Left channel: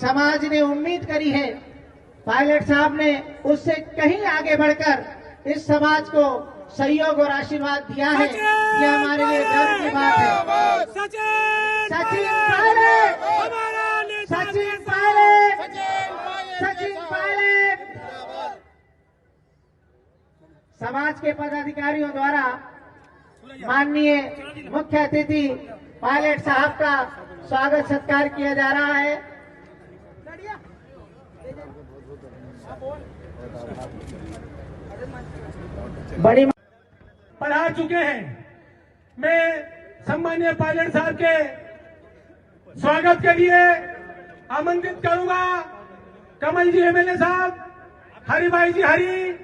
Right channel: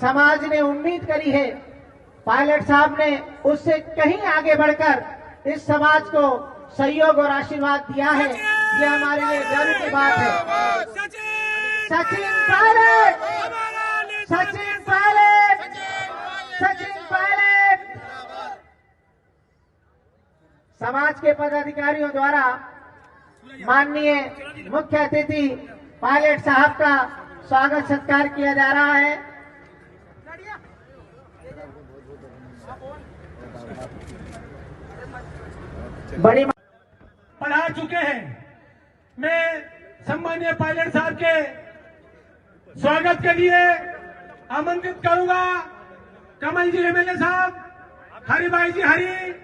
समाज ने उम्मीद करी है, पायलट साहब ने उससे कहीं आगे बढ़कर इस समाज को सहयोग और आशीर्वाद दिया है। ये हमारे लिए गर्व की बात है। सचिन पायलट, सचिन पायलट, सचिन पायलट। समाज के पदाधिकारियों द्वारा माननीय मुख्य अतिथि पायलट साहब का स्वागत सत्कार किया जा रहा है। बड़ी पढ़ा चुके हैं। मैं सम्मानीय पायलट साहब के स्वागत के लिए आमंत्रित करूंगा कमल जी एमएलए साहब, हरि भाई जी हरि,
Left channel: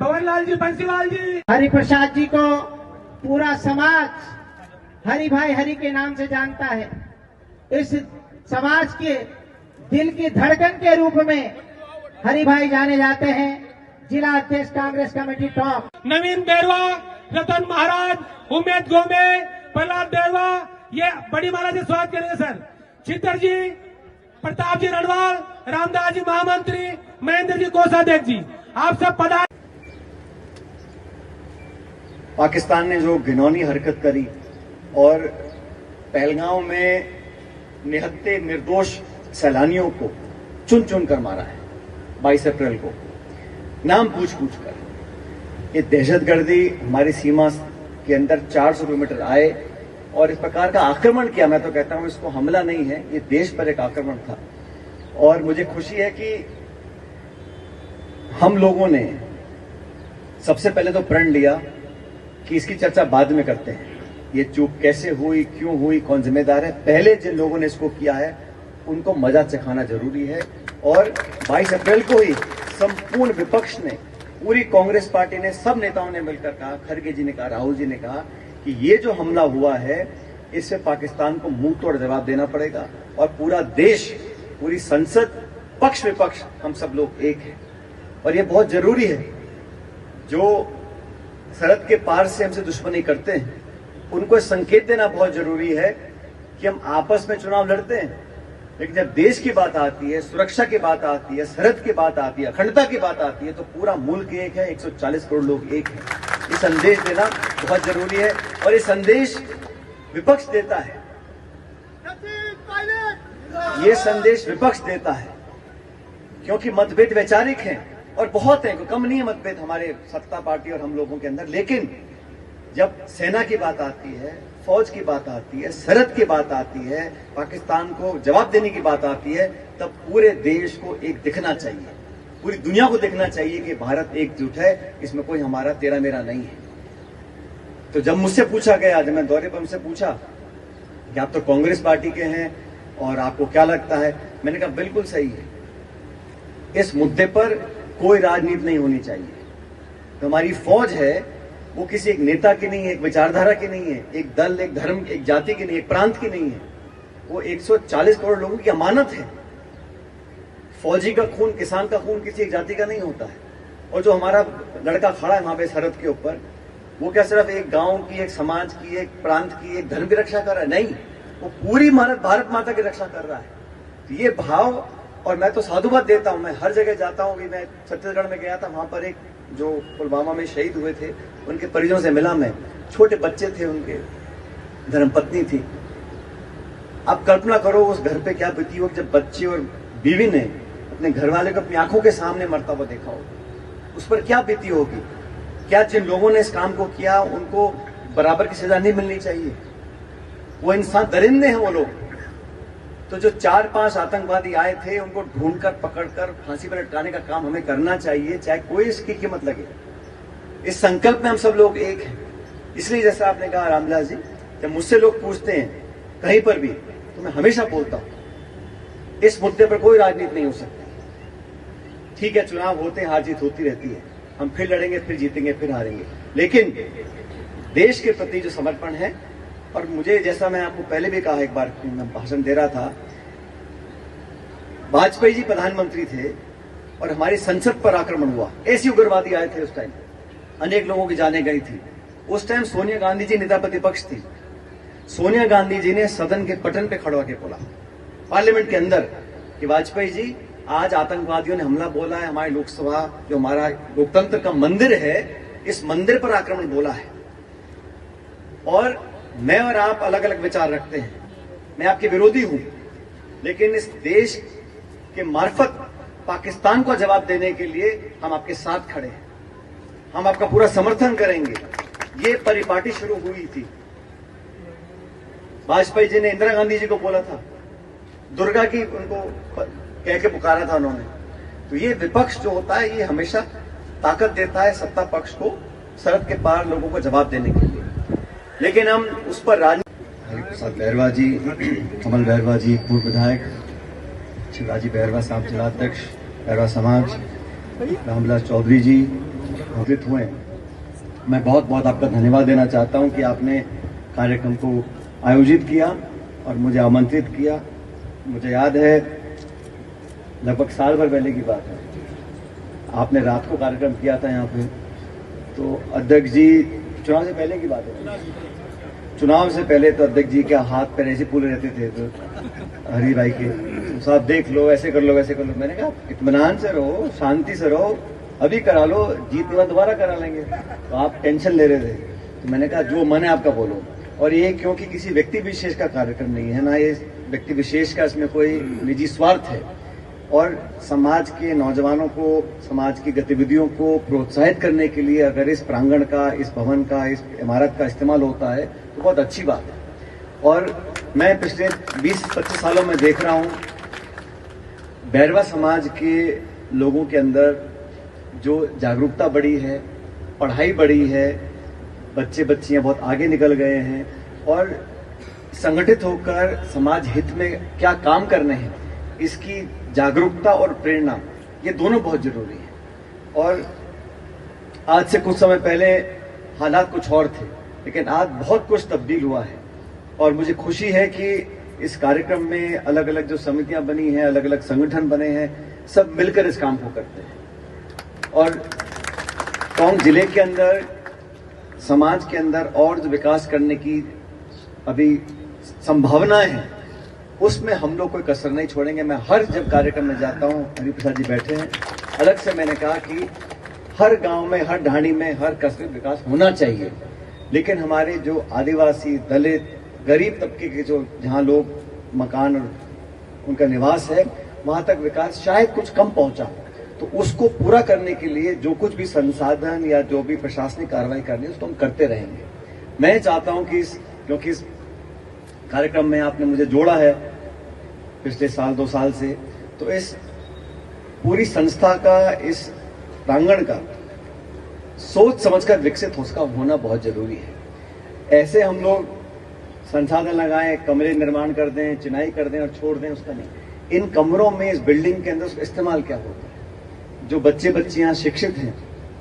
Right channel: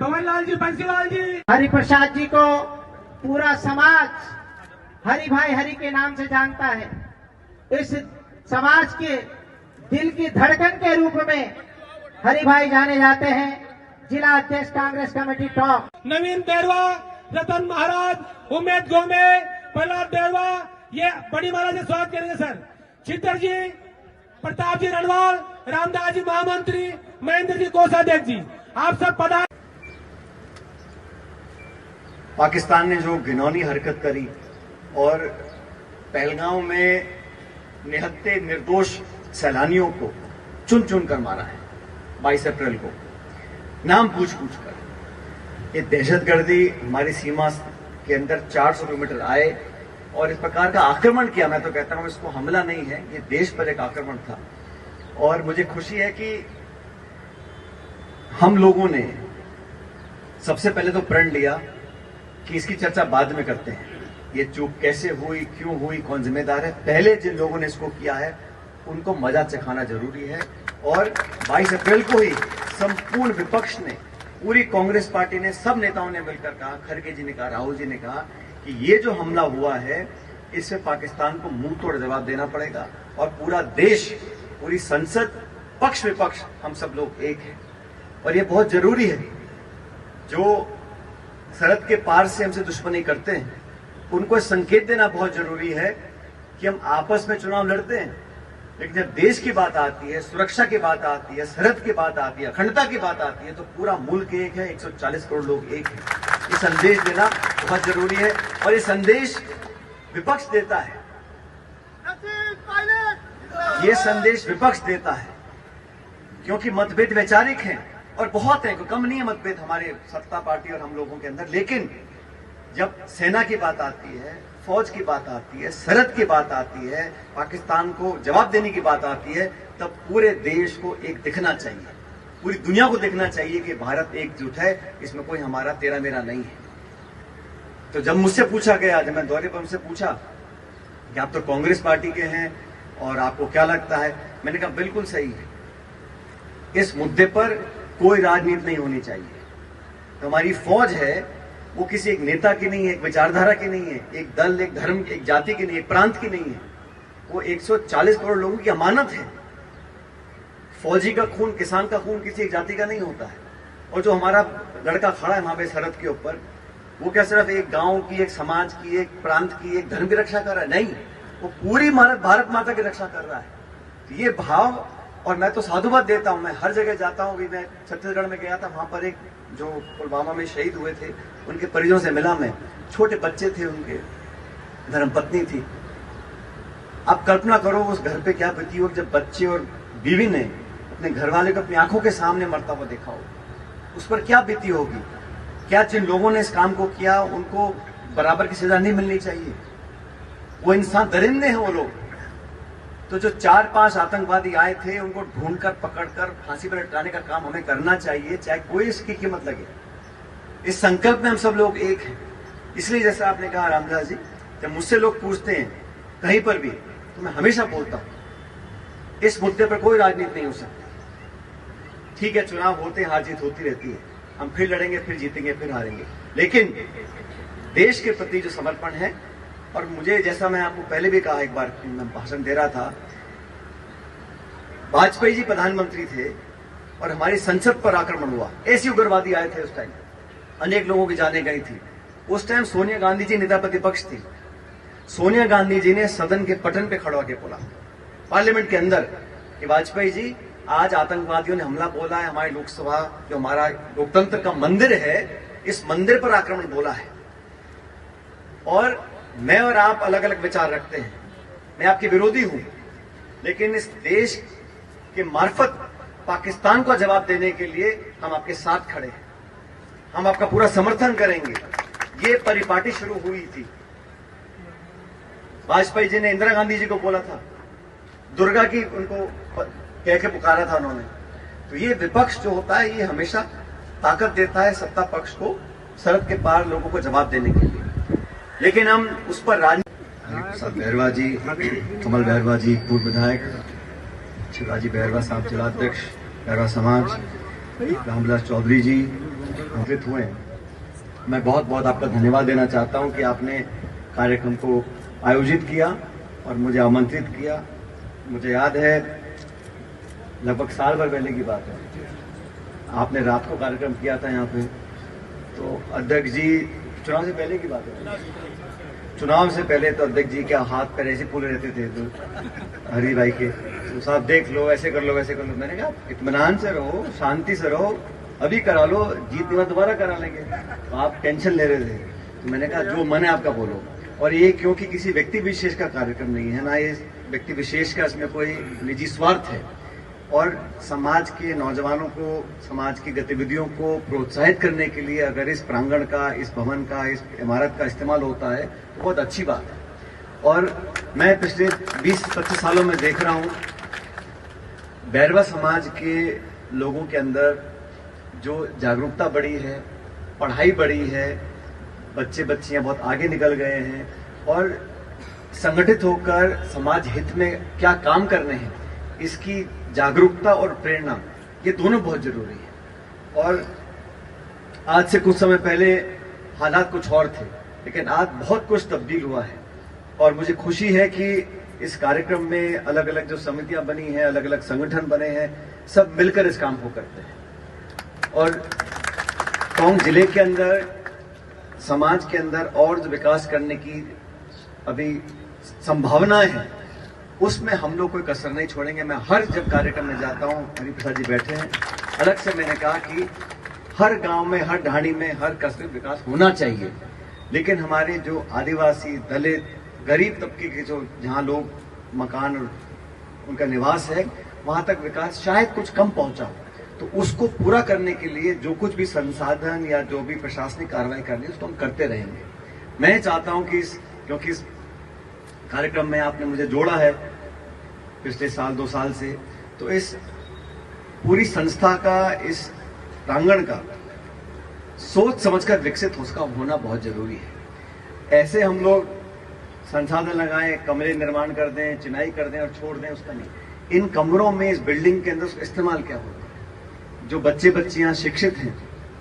भवनलाल जी बंसीलाल जी, हरि प्रसाद जी को पूरा समाज हरि भाई हरि के नाम से जानता है। इस समाज के दिल की धड़कन के रूप में हरि भाई जाने जाते हैं। जिला अध्यक्ष कांग्रेस कमेटी टॉप नवीन बैरवा, रतन महाराज, उमेद गोमे, प्रहलाद बैरवा, ये बड़ी महाराज से स्वागत करेंगे सर। चित्तर जी, प्रताप जी रणवाल, रामदास जी महामंत्री, महेंद्र जी कोषाध्यक्ष जी, आप सब पधार। पाकिस्तान ने जो घिनौनी हरकत करी और पहलगांव में निहत्ते निर्दोष सैलानियों को चुन चुन कर मारा है 22 अप्रैल को, नाम पूछ पूछ कर, ये दहशतगर्दी हमारी सीमा के अंदर 400 किलोमीटर आए और इस प्रकार का आक्रमण किया। मैं तो कहता हूं इसको हमला नहीं है, ये देश पर एक आक्रमण था। और मुझे खुशी है कि हम लोगों ने सबसे पहले तो प्रण लिया कि इसकी चर्चा बाद में करते हैं, ये चूक कैसे हुई, क्यों हुई, कौन जिम्मेदार है। पहले जिन लोगों ने इसको किया है उनको मजा चखाना जरूरी है। और 22 अप्रैल को ही संपूर्ण विपक्ष ने, पूरी कांग्रेस पार्टी ने, सब नेताओं ने मिलकर कहा, खड़गे जी ने कहा, राहुल जी ने कहा कि ये जो हमला हुआ है इससे पाकिस्तान को मुंह तोड़ जवाब देना पड़ेगा। और पूरा देश, पूरी संसद, पक्ष विपक्ष, हम सब लोग एक हैं। और ये बहुत जरूरी है। जो सरहद के पार से हमसे दुश्मनी करते हैं उनको संकेत देना बहुत जरूरी है कि हम आपस में चुनाव लड़ते हैं, लेकिन जब देश की बात आती है, सुरक्षा की बात आती है, सरहद की बात आती है, अखंडता की बात आती है, तो पूरा मुल्क एक है, 140 करोड़ लोग एक हैं। ये संदेश देना बहुत जरूरी है और ये संदेश विपक्ष देता है। ये संदेश विपक्ष देता है क्योंकि मतभेद वैचारिक हैं और बहुत हैं, कम नहीं है मतभेद हमारे सत्ता पार्टी और हम लोगों के अंदर। लेकिन जब सेना की बात आती है, फौज की बात आती है, सरहद की बात आती है, पाकिस्तान को जवाब देने की बात आती है, तब पूरे देश को एक दिखना चाहिए, पूरी दुनिया को देखना चाहिए कि भारत एकजुट है, इसमें कोई हमारा तेरा मेरा नहीं है। तो जब मुझसे पूछा गया, जब मैं दौरे पर मुझसे पूछा कि आप तो कांग्रेस पार्टी के हैं और आपको क्या लगता है, मैंने कहा बिल्कुल सही है, इस मुद्दे पर कोई राजनीति नहीं होनी चाहिए। तो हमारी फौज है वो किसी एक नेता की नहीं है, एक विचारधारा की नहीं है, एक दल, एक धर्म, एक जाति की नहीं, एक प्रांत की नहीं है। वो 140 करोड़ लोगों की अमानत है। फौजी का खून, किसान का खून किसी एक जाति का नहीं होता है। और जो हमारा लड़का खड़ा है वहां पे सरहद के ऊपर, वो क्या सिर्फ एक गांव की, एक समाज की, एक प्रांत की, एक धर्म की रक्षा कर रहा है? नहीं, वो पूरी भारत माता की रक्षा कर रहा है। तो ये भाव, और मैं तो साधुवाद देता हूं, मैं हर जगह जाता हूं। अभी मैं छत्तीसगढ़ में गया था, वहां पर एक जो पुलवामा में शहीद हुए थे उनके परिजनों से मिला मैं। छोटे बच्चे थे, उनके धर्मपत्नी थी। आप कल्पना करो उस घर पे क्या बीती हो जब बच्चे और बीवी ने अपने घरवाले को अपनी आंखों के सामने मरता हुआ देखा हो, उस पर क्या बीती होगी। क्या जिन लोगों ने इस काम को किया उनको बराबर की सजा नहीं मिलनी चाहिए? वो इंसान दरिंदे हैं वो लोग। तो जो 4-5 आतंकवादी आए थे उनको ढूंढकर, पकड़कर फांसी पर लटकाने का काम हमें करना चाहिए, चाहे कोई इसकी कीमत लगे। इस संकल्प में हम सब लोग एक हैं। इसलिए जैसा आपने कहा रामदास जी, जब मुझसे लोग पूछते हैं कहीं पर भी, तो मैं हमेशा बोलता हूं इस मुद्दे पर कोई राजनीति नहीं हो सकती। ठीक है, चुनाव होते हैं, हार जीत होती रहती है, हम फिर लड़ेंगे, फिर जीतेंगे, फिर हारेंगे, लेकिन देश के प्रति जो समर्पण है, और मुझे, जैसा मैं आपको पहले भी कहा, एक बार मैं भाषण दे रहा था, वाजपेयी जी प्रधानमंत्री थे और हमारी संसद पर आक्रमण हुआ, ऐसे उग्रवादी आए थे उस टाइम, अनेक लोगों की जानें गई थी। उस टाइम सोनिया गांधी जी नेता प्रतिपक्ष थी। सोनिया गांधी जी ने सदन के पटन पे खड़ा होकर बोला पार्लियामेंट के अंदर कि वाजपेयी जी आज आतंकवादियों ने हमला बोला है, हमारी लोकसभा जो हमारा लोकतंत्र का मंदिर है, इस मंदिर पर आक्रमण बोला है। और मैं और आप अलग अलग विचार रखते हैं, मैं आपके विरोधी हूं, लेकिन इस देश के मार्फत पाकिस्तान को जवाब देने के लिए हम आपके साथ खड़े हैं, हम आपका पूरा समर्थन करेंगे। ये परिपाटी शुरू हुई थी, वाजपेयी जी ने इंदिरा गांधी जी को बोला था, दुर्गा की उनको कह के पुकारा था उन्होंने। तो ये विपक्ष जो होता है ये हमेशा ताकत देता है सत्ता पक्ष को सरहद के पार लोगों को जवाब देने के लिए, लेकिन हम उस पर हरिप्रसाद बैरवा जी, कमल बैरवा जी पूर्व विधायक, शिवराजी बैरवा साहब जिलाध्यक्ष बैरवा समाज, रामविलास चौधरी जी आमंत्रित हुए। मैं बहुत बहुत आपका धन्यवाद देना चाहता हूं कि आपने कार्यक्रम को आयोजित किया और मुझे आमंत्रित किया। मुझे याद है लगभग साल भर पहले की बात है, आपने रात को कार्यक्रम किया था यहाँ पे। तो अध्यक्ष जी, चुनाव से पहले की बात है, चुनाव से पहले तो अध्यक्ष जी के हाथ पैर ऐसे फूले रहते थे, तो हरी भाई के तो साहब देख लो, ऐसे कर लो, वैसे कर लो। मैंने कहा इत्मीनान से रहो, शांति से रहो, अभी करा लो, जीत में दोबारा करा लेंगे। तो आप टेंशन ले रहे थे, तो मैंने कहा जो मन है आपका बोलो। और ये क्योंकि किसी व्यक्ति विशेष का कार्यक्रम नहीं है ना, ये व्यक्ति विशेष का इसमें कोई निजी स्वार्थ है, और समाज के नौजवानों को, समाज की गतिविधियों को प्रोत्साहित करने के लिए अगर इस प्रांगण का, इस भवन का, इस इमारत का इस्तेमाल होता है तो बहुत अच्छी बात है। और मैं पिछले 20-25 सालों में देख रहा हूं बैरवा समाज के लोगों के अंदर जो जागरूकता बढ़ी है, पढ़ाई बढ़ी है, बच्चे बच्चियां बहुत आगे निकल गए हैं और संगठित होकर समाज हित में क्या काम करने हैं, इसकी जागरूकता और प्रेरणा, ये दोनों बहुत जरूरी है। और आज से कुछ समय पहले हालात कुछ और थे, लेकिन आज बहुत कुछ तब्दील हुआ है। और मुझे खुशी है कि इस कार्यक्रम में अलग अलग जो समितियां बनी हैं, अलग अलग संगठन बने हैं, सब मिलकर इस काम को करते हैं। और टोंक जिले के अंदर, समाज के अंदर और जो विकास करने की अभी संभावनाएं हैं, उसमें हम लोग कोई कसर नहीं छोड़ेंगे। मैं हर जब कार्यक्रम में जाता हूं, हरिप्रसाद जी बैठे हैं, अलग से मैंने कहा कि हर गांव में, हर ढाणी में, हर कसर विकास होना चाहिए, लेकिन हमारे जो आदिवासी, दलित, गरीब तबके के जो जहां लोग मकान और उनका निवास है, वहां तक विकास शायद कुछ कम पहुंचा, तो उसको पूरा करने के लिए जो कुछ भी संसाधन या जो भी प्रशासनिक कार्रवाई करनी है उसको हम करते रहेंगे। मैं चाहता हूं कि क्योंकि इस कार्यक्रम में आपने मुझे जोड़ा है पिछले साल 2 साल से, तो इस पूरी संस्था का, इस प्रांगण का सोच समझकर विकसित उसका होना बहुत जरूरी है। ऐसे हम लोग संसाधन लगाएं, कमरे निर्माण कर दें, चिनाई कर दें और छोड़ दें, उसका नहीं। इन कमरों में, इस बिल्डिंग के अंदर उसका इस्तेमाल क्या होता है, जो बच्चे बच्चियां शिक्षित हैं,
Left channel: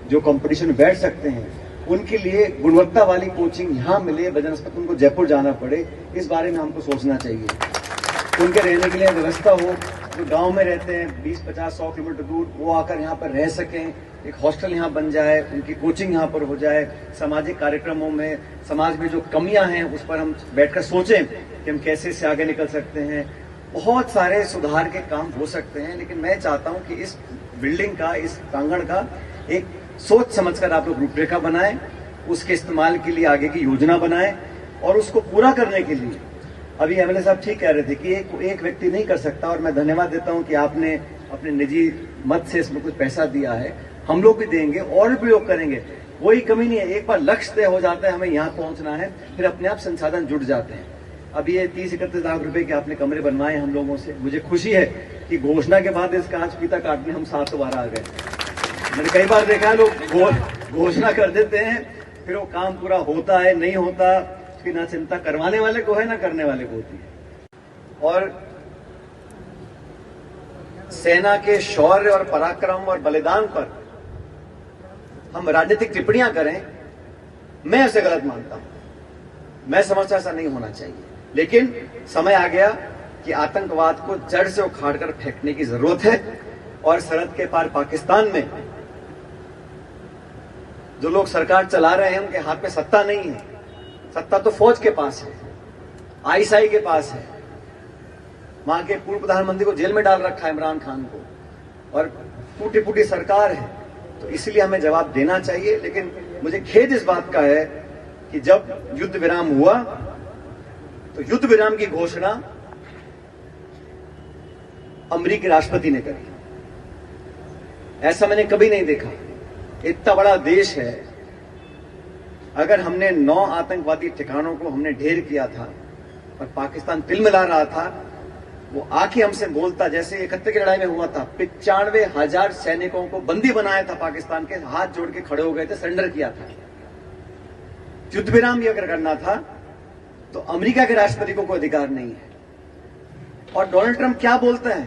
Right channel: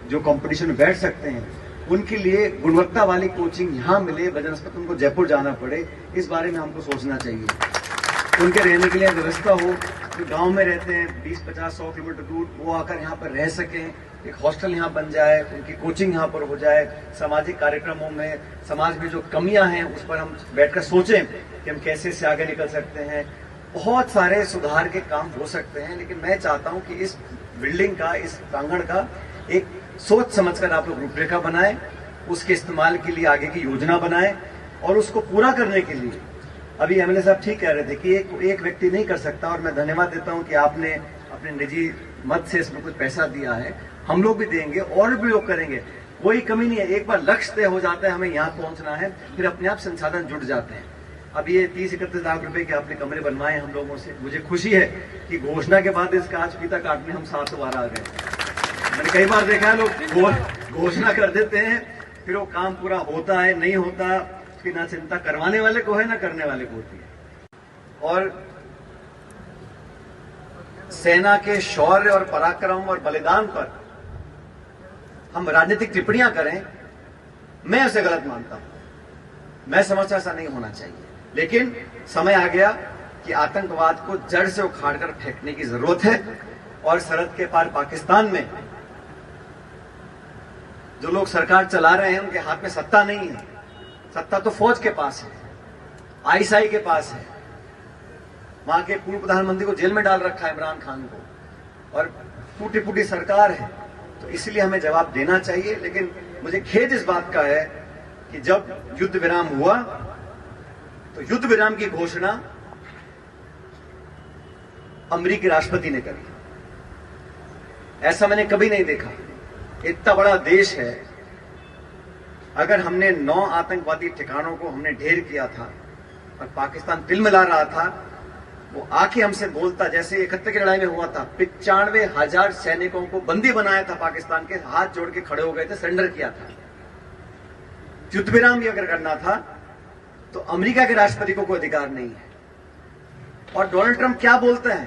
जो कंपटीशन में बैठ सकते हैं, उनके लिए गुणवत्ता वाली कोचिंग यहां मिले, बजनस्पत उनको जयपुर जाना पड़े, इस बारे में हमको सोचना चाहिए। उनके रहने के लिए व्यवस्था हो, जो गांव में रहते हैं 20-50-100 किलोमीटर दूर, वो आकर यहाँ पर रह सकें, एक हॉस्टल यहाँ बन जाए, उनकी कोचिंग यहाँ पर हो जाए। सामाजिक कार्यक्रमों में समाज में जो कमियां हैं उस पर हम बैठकर सोचें कि हम कैसे इससे आगे निकल सकते हैं। बहुत सारे सुधार के काम हो सकते हैं, लेकिन मैं चाहता हूं कि इस बिल्डिंग का, इस प्रांगण का एक सोच समझकर आप लोग रूपरेखा बनाएं, उसके इस्तेमाल के लिए आगे की योजना बनाएं, और उसको पूरा करने के लिए अभी एमएलए साहब ठीक कह रहे थे कि एक व्यक्ति नहीं कर सकता, और मैं धन्यवाद देता हूं कि आपने अपने निजी मत से इसमें कुछ पैसा दिया है, हम लोग भी देंगे और भी लोग करेंगे, कोई कमी नहीं है। एक बार लक्ष्य तय हो जाता है, हमें यहाँ पहुंचना है, फिर अपने आप संसाधन जुड़ जाते हैं। अब ये 30-31 लाख रुपए के आपने कमरे बनवाए हम लोगों से, मुझे खुशी है कि घोषणा के बाद इसका आज फीता काटने हम 7 बार आ गए। मैंने कई बार देखा है लोग घोषणा कर देते हैं, फिर वो काम पूरा होता है नहीं होता, उसकी ना चिंता करवाने वाले को है ना करने वाले को होती है। और सेना के शौर्य और पराक्रम और बलिदान पर हम राजनीतिक टिप्पणियां करें, मैं उसे गलत मानता हूं। मैं समझता ऐसा नहीं होना चाहिए, लेकिन समय आ गया कि आतंकवाद को जड़ से उखाड़कर फेंकने की जरूरत है। और सरहद के पार पाकिस्तान में जो लोग सरकार चला रहे हैं, उनके हाथ में सत्ता नहीं है, सत्ता तो फौज के पास है, आईएसआई के पास है, वहां के पूर्व प्रधानमंत्री को जेल में डाल रखा है, इमरान खान को, और टूटी फूटी सरकार है। तो इसलिए हमें जवाब देना चाहिए। लेकिन मुझे खेद इस बात का है कि जब युद्ध विराम हुआ तो युद्ध विराम की घोषणा अमेरिकी राष्ट्रपति ने करी। ऐसा मैंने कभी नहीं देखा। इतना बड़ा देश है, अगर हमने 9 आतंकवादी ठिकानों को हमने ढेर किया था और पाकिस्तान तिलमिला रहा था, वो आके हमसे बोलता, जैसे 71 की लड़ाई में हुआ था, 95,000 सैनिकों को बंदी बनाया था पाकिस्तान के, हाथ जोड़ के खड़े हो गए थे, सरेंडर किया था। युद्ध विराम भी अगर करना था तो अमेरिका के राष्ट्रपति को कोई अधिकार नहीं है। और डोनाल्ड ट्रंप क्या बोलते हैं,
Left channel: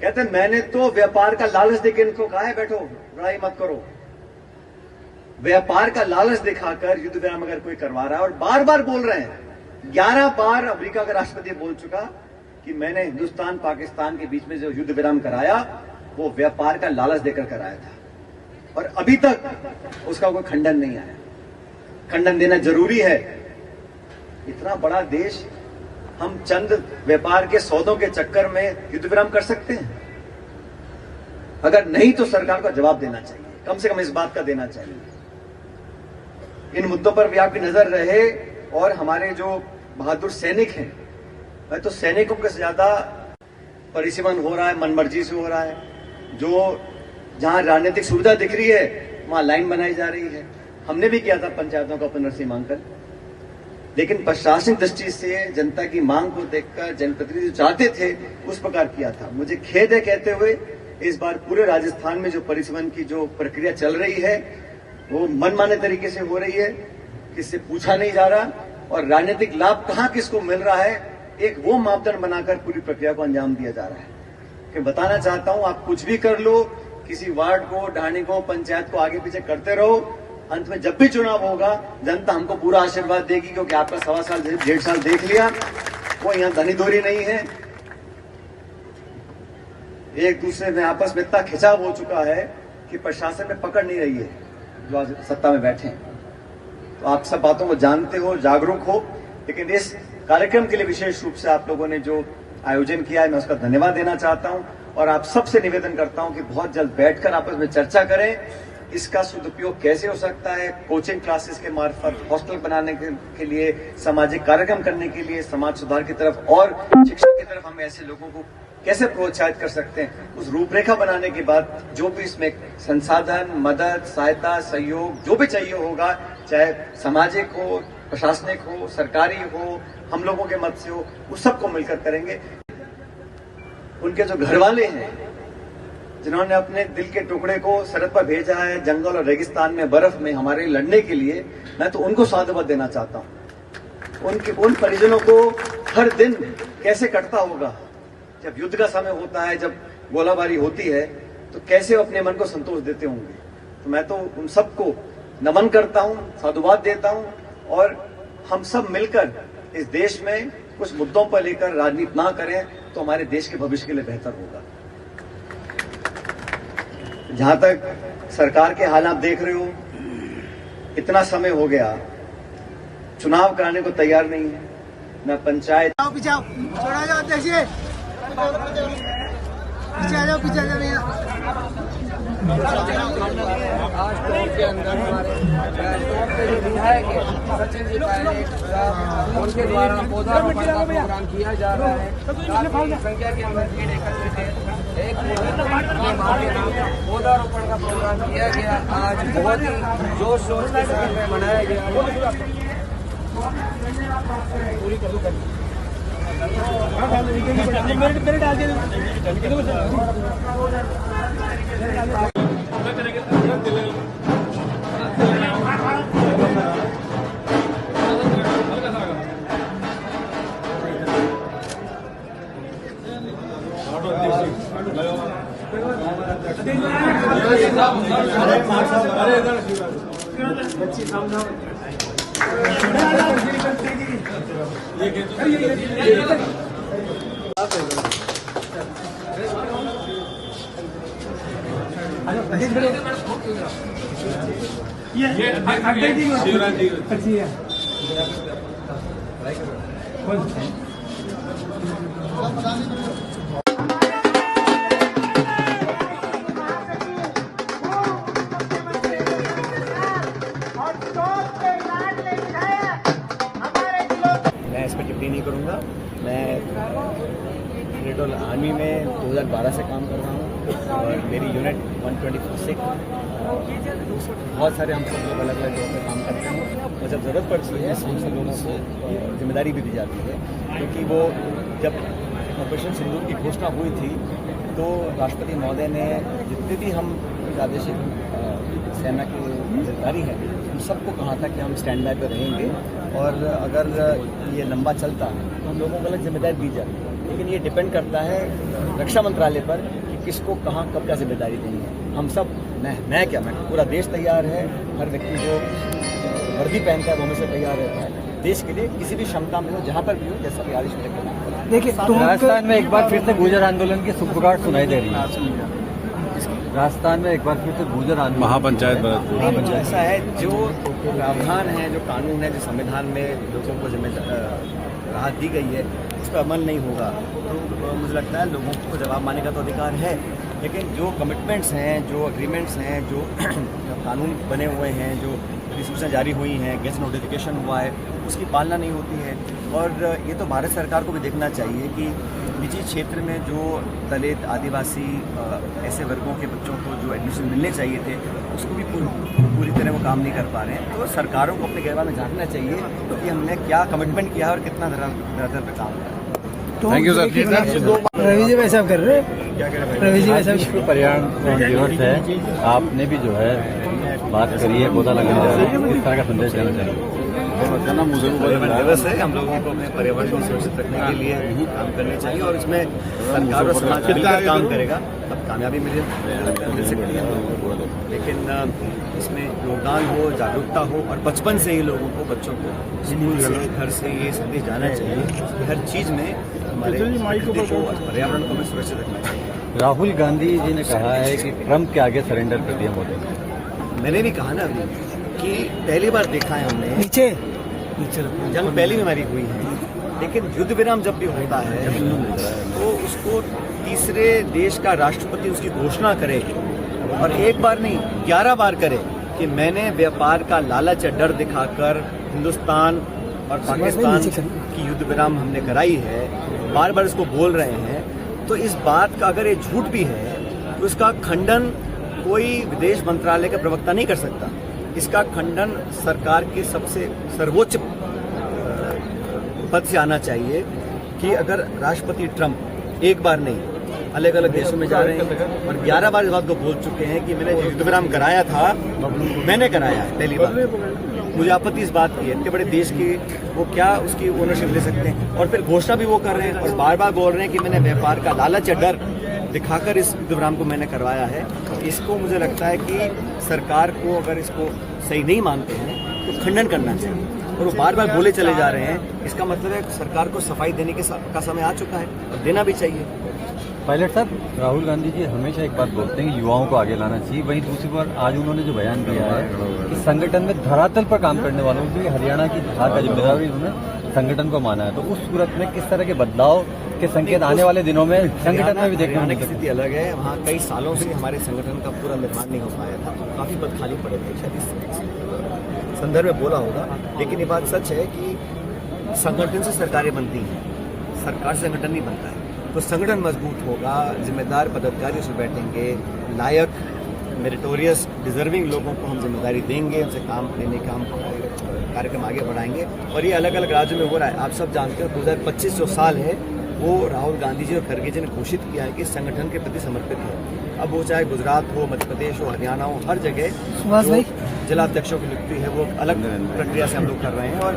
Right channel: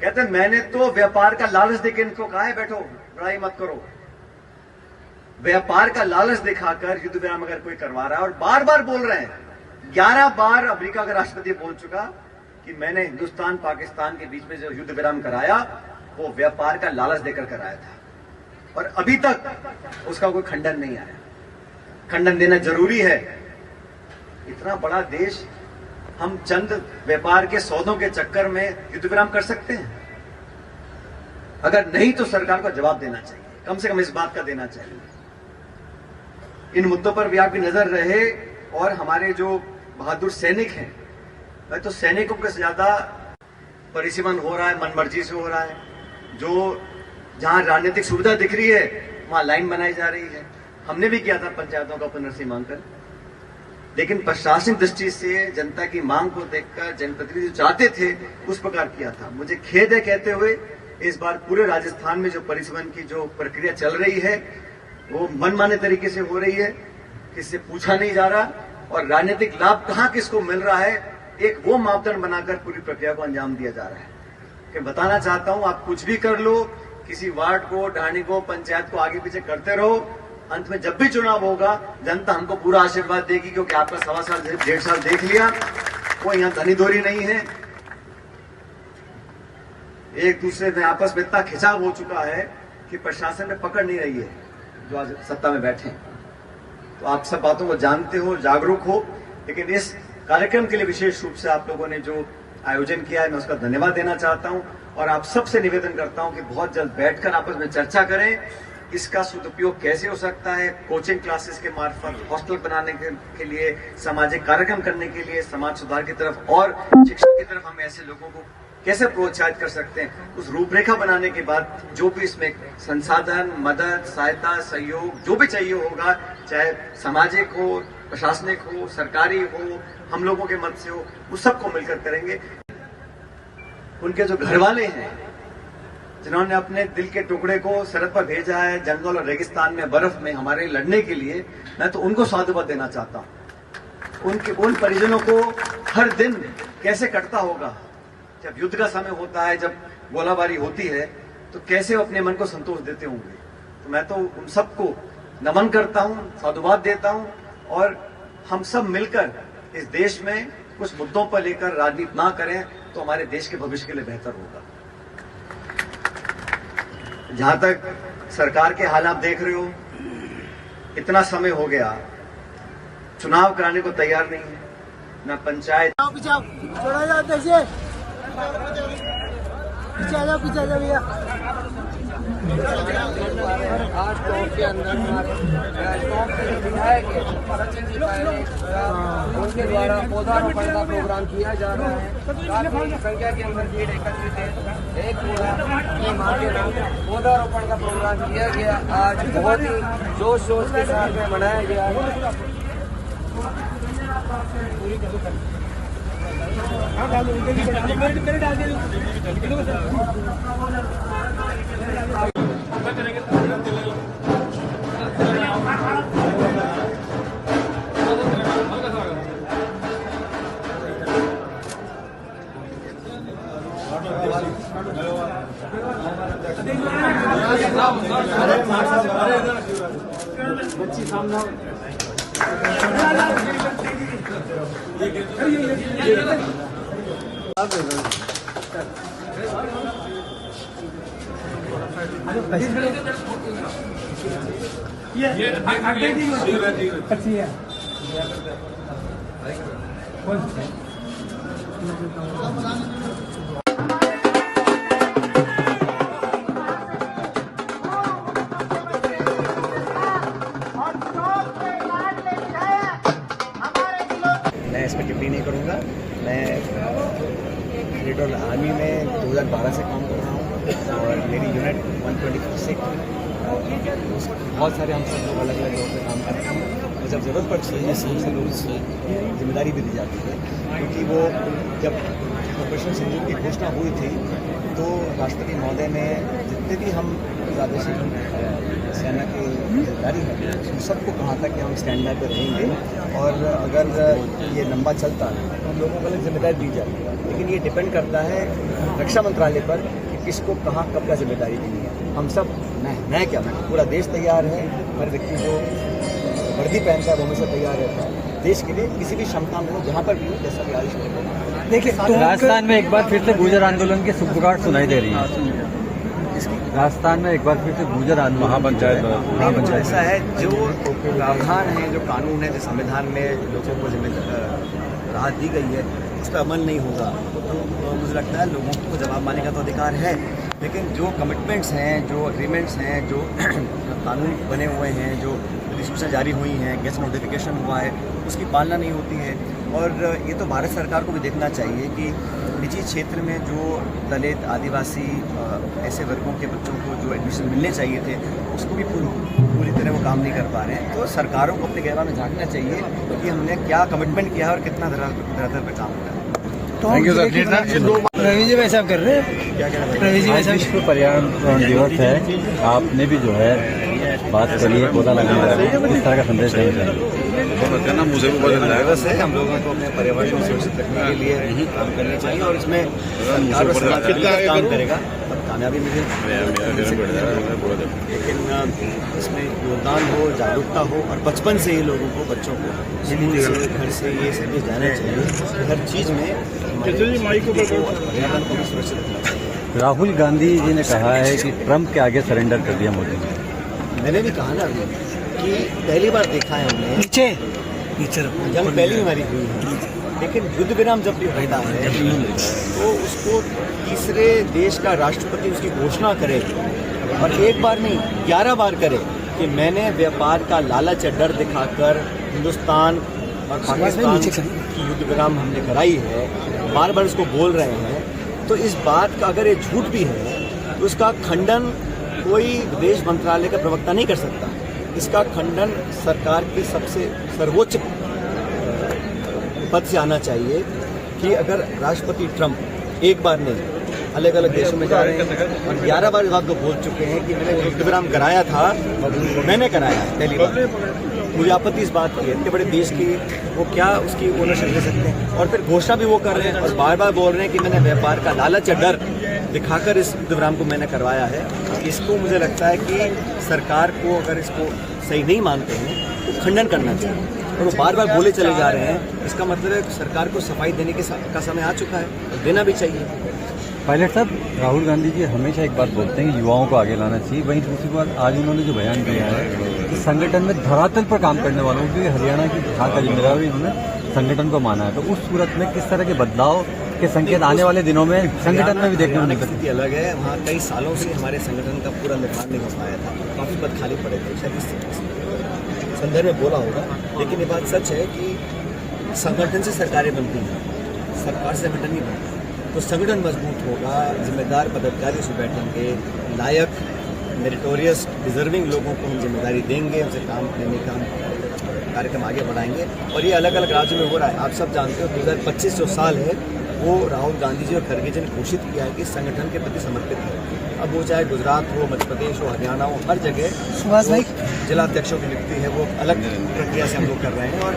कहते हैं मैंने तो व्यापार का लालच देकर इनको कहा है बैठो, लड़ाई मत करो। व्यापार का लालच दिखाकर युद्ध विराम अगर कोई करवा रहा है, और बार बार बोल रहे हैं, 11 बार अमेरिका का राष्ट्रपति बोल चुका कि मैंने हिंदुस्तान पाकिस्तान के बीच में जो युद्ध विराम कराया वो व्यापार का लालच देकर कराया था, और अभी तक उसका कोई खंडन नहीं आया। खंडन देना जरूरी है। इतना बड़ा देश, हम चंद व्यापार के सौदों के चक्कर में युद्ध विराम कर सकते हैं? अगर नहीं तो सरकार को जवाब देना चाहिए, कम से कम इस बात का देना चाहिए। इन मुद्दों पर भी आपकी नजर रहे। और हमारे जो बहादुर सैनिक हैं, मैं तो सैनिकों के ज्यादा परिसीमन हो रहा है, मनमर्जी से हो रहा है। जो जहां राजनीतिक सुविधा दिख रही है वहां लाइन बनाई जा रही है। हमने भी किया था पंचायतों का पुनर्सीमांकन, लेकिन प्रशासनिक दृष्टि से जनता की मांग को देखकर जनप्रतिनिधि जो चाहते थे उस प्रकार किया था। मुझे खेद है कहते हुए, इस बार पूरे राजस्थान में जो परिसीमन की जो प्रक्रिया चल रही है वो मनमाने तरीके से हो रही है, किससे पूछा नहीं जा रहा, और राजनीतिक लाभ कहां किसको मिल रहा है एक वो मापदंड बनाकर पूरी प्रक्रिया को अंजाम दिया जा रहा है। कि बताना चाहता हूं, आप कुछ भी कर लो, किसी वार्ड को, ढाणी को, पंचायत को आगे पीछे करते रहो, अंत में जब भी चुनाव होगा जनता हमको पूरा आशीर्वाद देगी, क्योंकि आपका 1.25 साल 1.5 साल देख लिया। कोई यहाँ धनी दोरी नहीं है, एक दूसरे में आपस में इतना खिंचाव हो चुका है कि प्रशासन में पकड़ नहीं रही है जो आज सत्ता में बैठे हैं। तो आप सब बातों को जानते हो, जागरूक हो। लेकिन इस कार्यक्रम के लिए विशेष रूप से आप लोगों ने जो आयोजन किया है, मैं उसका धन्यवाद देना चाहता हूं। और आप सबसे निवेदन करता हूं कि बहुत जल्द बैठकर आपस में चर्चा करें, इसका सदुपयोग कैसे हो सकता है। कोचिंग क्लासेस के मार्फत, हॉस्टल बनाने के लिए, सामाजिक कार्यक्रम करने के लिए, समाज सुधार की तरफ और शिक्षा की तरफ हम ऐसे लोगों को कैसे प्रोत्साहित कर सकते हैं, उस रूपरेखा बनाने के बाद जो भी इसमें संसाधन, मदद, सहायता, सहयोग जो भी चाहिए होगा, चाहे सामाजिक हो, प्रशासनिक हो, सरकारी हो, हम लोगों के मत से हो, उस सबको मिलकर करेंगे। उनके जो घर वाले हैं जिन्होंने अपने दिल के टुकड़े को सरहद पर भेजा है, जंगल और रेगिस्तान में, बर्फ में हमारे लड़ने के लिए, मैं तो उनको साधुवाद देना चाहता हूं। उन परिजनों को हर दिन कैसे कटता होगा, जब युद्ध का समय होता है, जब गोलाबारी होती है, तो कैसे अपने मन को संतोष देते होंगे। तो मैं तो उन सबको नमन करता हूं, साधुवाद देता हूं, और हम सब मिलकर इस देश में कुछ मुद्दों पर लेकर राजनीति ना करें तो हमारे देश के भविष्य के लिए बेहतर होगा। जहां तक सरकार के हाल आप देख रहे हो, इतना समय हो गया, चुनाव कराने को तैयार नहीं है, न पंचायत। पीछे छोड़ा जाओ, देखिए पीछे आ जाओ भैया। आज टॉप के अंदर हमारे टॉप के जो विधायक है सचिन जी पहले, उनके द्वारा पौधारोपण का प्रोग्राम किया जा रहा है। काफी संख्या के अंदर भीड़ एकत्रित है। एक पौधारोपण का प्रोग्राम किया गया, आज बहुत ही जोश शोर के साथ में मनाया गया है। पूरी मैं इस पर टिप्पणी नहीं करूँगा। मैं फेडरल आर्मी में 2012 से काम कर रहा हूँ और मेरी यूनिट 126 बहुत सारे हम सब लोग अलग अलग जगह पे काम करते हैं और जब ज़रूरत पड़ती है हम सब लोगों को जिम्मेदारी भी दी जाती है, क्योंकि वो जब ऑपरेशन सिंदूर की घोषणा हुई थी तो राष्ट्रपति महोदय ने जितने भी हम प्रादेशिक सेना के अधिकारी हैं उन सबको कहा था कि हम स्टैंड बाय पर रहेंगे और अगर ये लंबा चलता तो हम लोगों को अलग जिम्मेदारी दी जाती है। लेकिन ये डिपेंड करता है रक्षा मंत्रालय पर कि किसको कहाँ कब क्या जिम्मेदारी देनी है। हम सब मैं क्या मैं पूरा देश तैयार है, हर व्यक्ति जो वर्दी पहनता है वो हमेशा तैयार रहता है देश के लिए, किसी भी क्षमता में हो जहाँ पर भी हो, जैसा भी आदेश मिलेगा। देखिए राजस्थान में एक बार फिर से गुर्जर आंदोलन की सुगबुगाहट सुनाई दे रही है। राजस्थान में एक बार फिर से गुर्जर आंदोलन महापंचायत ऐसा है, जो प्रावधान है, जो कानून है, जो संविधान में लोगों को राहत दी गई है उस पर अमल नहीं होगा तो मुझे लगता है लोगों को जवाब मानने का तो अधिकार है, लेकिन जो कमिटमेंट्स हैं, जो एग्रीमेंट्स हैं, जो कानून बने हुए हैं, जो अधिसूचना जारी हुई हैं, गेस्ट नोटिफिकेशन हुआ है, उसकी पालना नहीं होती है। और ये तो भारत सरकार को भी देखना चाहिए कि निजी क्षेत्र में जो दलित, आदिवासी ऐसे वर्गों के बच्चों को जो एडमिशन मिलने चाहिए थे उसको भी पूरी तरह वो काम नहीं कर पा रहे हैं। तो सरकारों को अपने गहवा में झांकना चाहिए कि हमने क्या कमिटमेंट किया है और कितना धरातल पे काम करा है। Thank you sir. Ravi ji वैसा कर रहे हैं, क्या कह रहे हैं रवि जी वैसा विश्व पर्यावरण दिवस है, आपने भी जो है बात करी है पौधा लगाना है, किस तरह का संदेश देना चाहिए? मुझे भी बहुत दिवस है, हम लोगों को अपने पर्यावरण को सुरक्षित रखने के लिए यही काम करनी चाहिए और इसमें सरकार और समाज मिलकर काम करेगा तब कामयाबी मिलेगी। लेकिन इसमें योगदान हो, जागरूकता हो और बचपन से ही लोगों को, बच्चों को स्कूल से, घर से ये संदेश जाना चाहिए कि हर चीज़ में हमारे को और पर्यावरण को भी सुरक्षित रखना चाहिए। राहुल गांधी जी ने कहा है कि ट्रंप के आगे सरेंडर कर दिया मोदी ने। मैंने भी कहा ना अभी कि पहली बार देखा है हमने नीचे जंग पहली भी हमारी हुई है, लेकिन युद्ध विराम जब भी होता है तो उसको तीसरे देश का राष्ट्रपति उसकी घोषणा करे और एक बार नहीं 11 बार करे कि मैंने व्यापार का लालच या डर दिखाकर हिंदुस्तान और पाकिस्तान की युद्ध विराम हमने कराई है, बार बार इसको बोल रहे हैं। तो इस बात का अगर ये झूठ भी है तो इसका खंडन कोई विदेश मंत्रालय का प्रवक्ता नहीं कर सकता। इसका खंडन सरकार के सबसे सर्वोच्च पद से आना चाहिए कि अगर राष्ट्रपति ट्रंप एक बार नहीं अलग अलग देशों में जा रहे हैं और 11 बार इस बात को बोल चुके हैं कि मैंने युद्ध विराम कराया था, मैंने कराया पहली बार, मुझे आपत्ति इस बात की है। इतने बड़े देश की वो क्या उसकी ओनरशिप ले सकते हैं और फिर घोषणा भी वो कर रहे हैं और बार बार बोल रहे हैं कि मैंने व्यापार का लालच या डर दिखाकर इस युद्ध विराम को मैंने करवाया है। इसको मुझे लगता है कि सरकार को अगर इसको सही नहीं मानते हैं तो खंडन करना चाहिए और वो बार बार बोले चले जा रहे हैं। इसका मतलब है सरकार को सफाई देने का समय आ चुका है और देना भी चाहिए। पायलट साहब, राहुल गांधी जी हमेशा एक बात बोलते हैं कि युवाओं को आगे लाना चाहिए, वहीं दूसरी बात आज उन्होंने जो बयान दिया है कि संगठन में धरातल पर काम करने वालों की हरियाणा की जहाँ का जिम्मेदारी उन्होंने संगठन को माना है, तो उस सूरत में किस तरह के बदलाव के संकेत आने वाले दिनों में संगठन में भी देखने को मिलती स्थिति अलग है। वहाँ कई सालों से हमारे संगठन का पूरा निर्माण नहीं हो पाया था, काफ़ी पद खाली पड़े थे, शायद इस संदर्भ में बोला होगा। लेकिन ये बात सच है कि संगठन से सरकारें बनती हैं, सरकार से संगठन नहीं बनता है। तो संगठन मजबूत होगा, जिम्मेदार पदाधिकारी उसमें बैठेंगे, लायक मेरिटोरियस डिजर्विंग लोगों को हम जिम्मेदारी देंगे, उनसे काम लेने का हम कार्यक्रम आगे बढ़ाएंगे। और ये अलग अलग राज्यों में हो रहा है। आप सब जानते हो 2025 जो साल है वो राहुल गांधी जी और खड़गे जी ने घोषित किया है कि संगठन के प्रति समर्पित है। अब वो चाहे गुजरात हो, मध्य प्रदेश हो, हरियाणा हो, हर जगह जिलाध्यक्षों की नियुक्ति है वो अलग प्रक्रिया से हम लोग कर रहे हैं और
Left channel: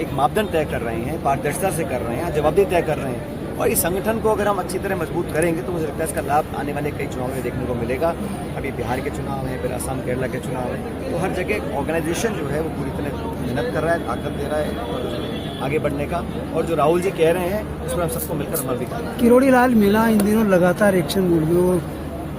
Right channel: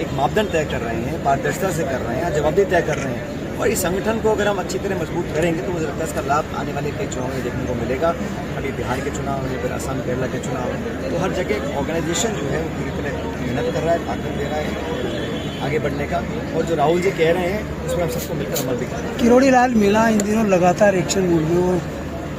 एक मापदंड तय कर रहे हैं, पारदर्शिता से कर रहे हैं, जवाबदेही तय कर रहे हैं। और इस संगठन को अगर हम अच्छी तरह मजबूत करेंगे तो मुझे लगता है इसका लाभ आने वाले कई चुनावों में देखने को मिलेगा। अभी बिहार के चुनाव है, फिर असम केरला के चुनाव है, तो हर जगह ऑर्गेनाइजेशन जो है वो पूरी तरह मेहनत कर रहा है, ताकत दे रहा है आगे बढ़ने का। और जो राहुल जी कह रहे हैं उस पर हम सबको मिलकर अमल भी करना है। किरोड़ी लाल मीणा इन दिनों लगातार एक्शन मूड में,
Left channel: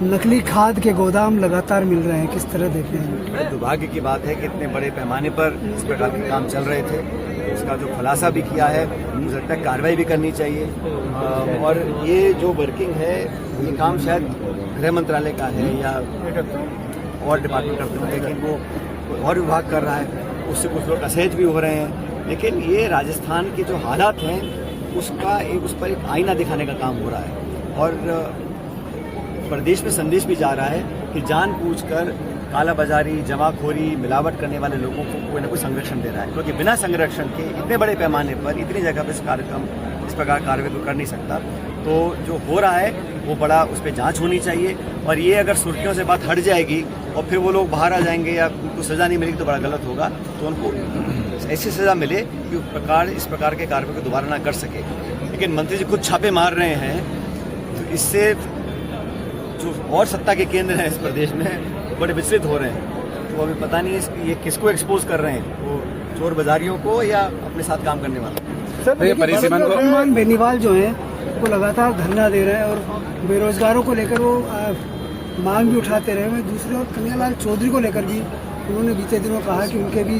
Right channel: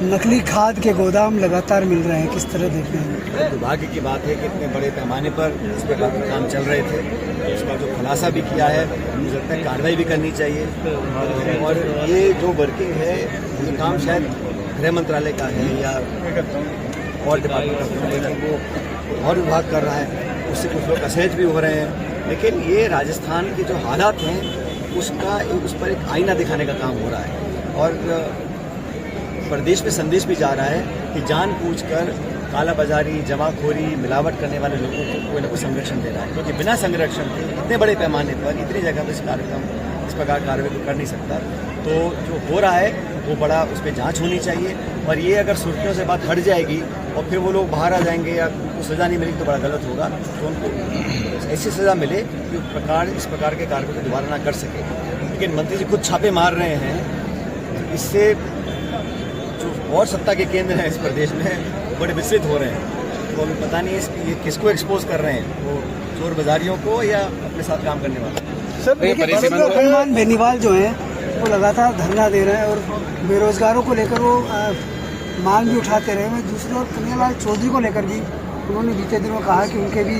नकली खाद के गोदाम लगातार मिल रहे हैं, किस तरह देखते हैं? बड़े दुर्भाग्य की बात है कि इतने बड़े पैमाने पर इस प्रकार के काम चल रहे थे। इसका जो खुलासा भी किया है, मुझे लगता है कार्रवाई भी करनी चाहिए। और ये जो वर्किंग है, ये काम शायद गृह मंत्रालय का है या और डिपार्टमेंट करते होंगे, लेकिन वो कोई और विभाग कर रहा है, उससे कुछ लोग असहज भी हो रहे हैं। लेकिन ये राजस्थान के जो हालात हैं उसका उस पर एक आईना दिखाने का काम हो रहा है। और प्रदेश में संदेश भी जा रहा है कि जानबूझकर कालाबाजारी, जमाखोरी, मिलावट करने वाले लोगों को कोई ना कोई संरक्षण दे रहा है, क्योंकि बिना संरक्षण के इतने बड़े पैमाने पर इतनी जगह पर इस प्रकार कार्रवाई को कर नहीं सकता। तो जो हो रहा है वो बड़ा उस पर जांच होनी चाहिए। और ये अगर सुर्खियों से बात हट जाएगी और फिर वो लोग बाहर आ जाएंगे या उनको सजा नहीं मिलेगी तो बड़ा गलत होगा। तो उनको ऐसी सजा मिले कि इस प्रकार के कार्रवाई को दोबारा ना कर सके। लेकिन मंत्री जी खुद छापे मार रहे हैं, तो इससे जो और सत्ता के केंद्र हैं इस प्रदेश में बड़े विचलित हो रहे हैं। तो अभी पता नहीं ये किसको एक्सपोज कर रहे हैं, वो चोर बाजारियों को या अपने साथ काम करने वाले। सर देखिए, हनुमान बेनीवाल जो है वो लगातार धरना दे रहे हैं और बेरोजगारों को लेकर वो मांग भी उठाते रहे हैं। दूसरी ओर कन्हैयालाल चौधरी को लेकर भी उन्होंने बीते दिनों कहा कि उनके भी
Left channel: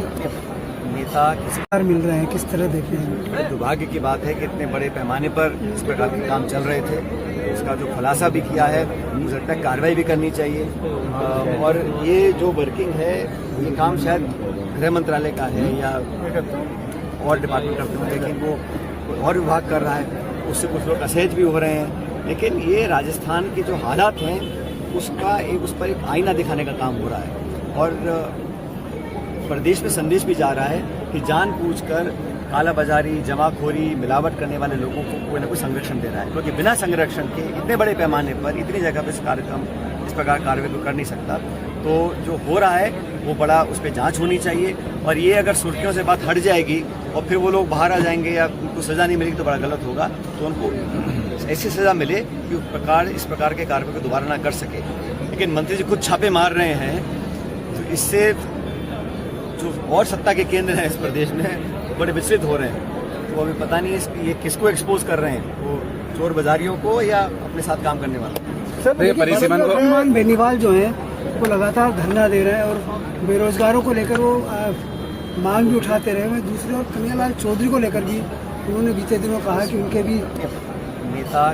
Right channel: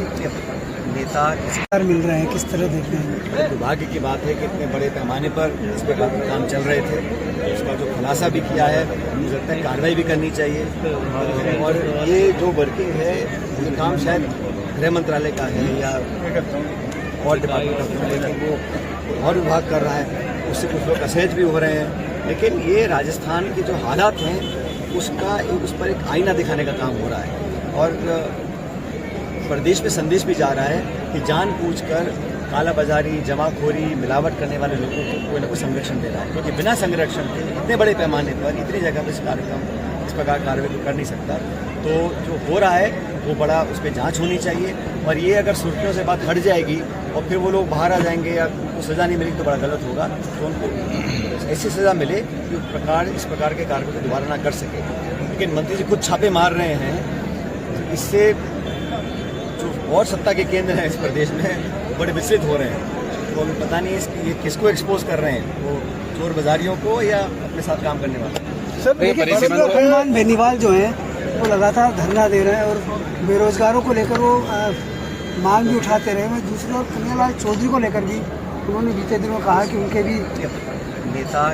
नेता किसी मिल रहे हैं, किस तरह देखते हैं? बड़े दुर्भाग्य की बात है कि इतने बड़े पैमाने पर इस प्रकार के काम चल रहे थे। इसका जो खुलासा भी किया है, मुझे लगता है कार्रवाई भी करनी चाहिए। और ये जो वर्किंग है, ये काम शायद गृह मंत्रालय का है या और डिपार्टमेंट करते होंगे, लेकिन वो कोई और विभाग कर रहा है, उससे कुछ लोग असहज भी हो रहे हैं। लेकिन ये राजस्थान के जो हालात हैं उसका उस पर एक आईना दिखाने का काम हो रहा है। और प्रदेश में संदेश भी जा रहा है कि जानबूझकर कालाबाजारी, जमाखोरी, मिलावट करने वाले लोगों को कोई ना कोई संरक्षण दे रहा है, क्योंकि बिना संरक्षण के इतने बड़े पैमाने पर इतनी जगह पर इस प्रकार कार्रवाई को कर नहीं सकता। तो जो हो रहा है वो बड़ा उस पर जांच होनी चाहिए। और ये अगर सुर्खियों से बात हट जाएगी और फिर वो लोग बाहर आ जाएंगे या उनको सजा नहीं मिलेगी तो बड़ा गलत होगा। तो उनको ऐसी सजा मिले कि इस प्रकार के कार्रवाई को दोबारा ना कर सके। लेकिन मंत्री जी खुद छापे मार रहे हैं, तो इससे जो और सत्ता के केंद्र हैं इस प्रदेश में बड़े विचलित हो रहे हैं। तो अभी पता नहीं ये किसको एक्सपोज कर रहे हैं, वो चोर बाजारियों को या अपने साथ काम करने वाले। सर देखिए, हनुमान बेनीवाल जो है वो लगातार धरना दे रहे हैं और बेरोजगारों को लेकर वो मांग भी उठाते रहे हैं। दूसरी ओर कन्हैयालाल चौधरी को लेकर भी उन्होंने बीते दिनों कहा कि उनके भी नेता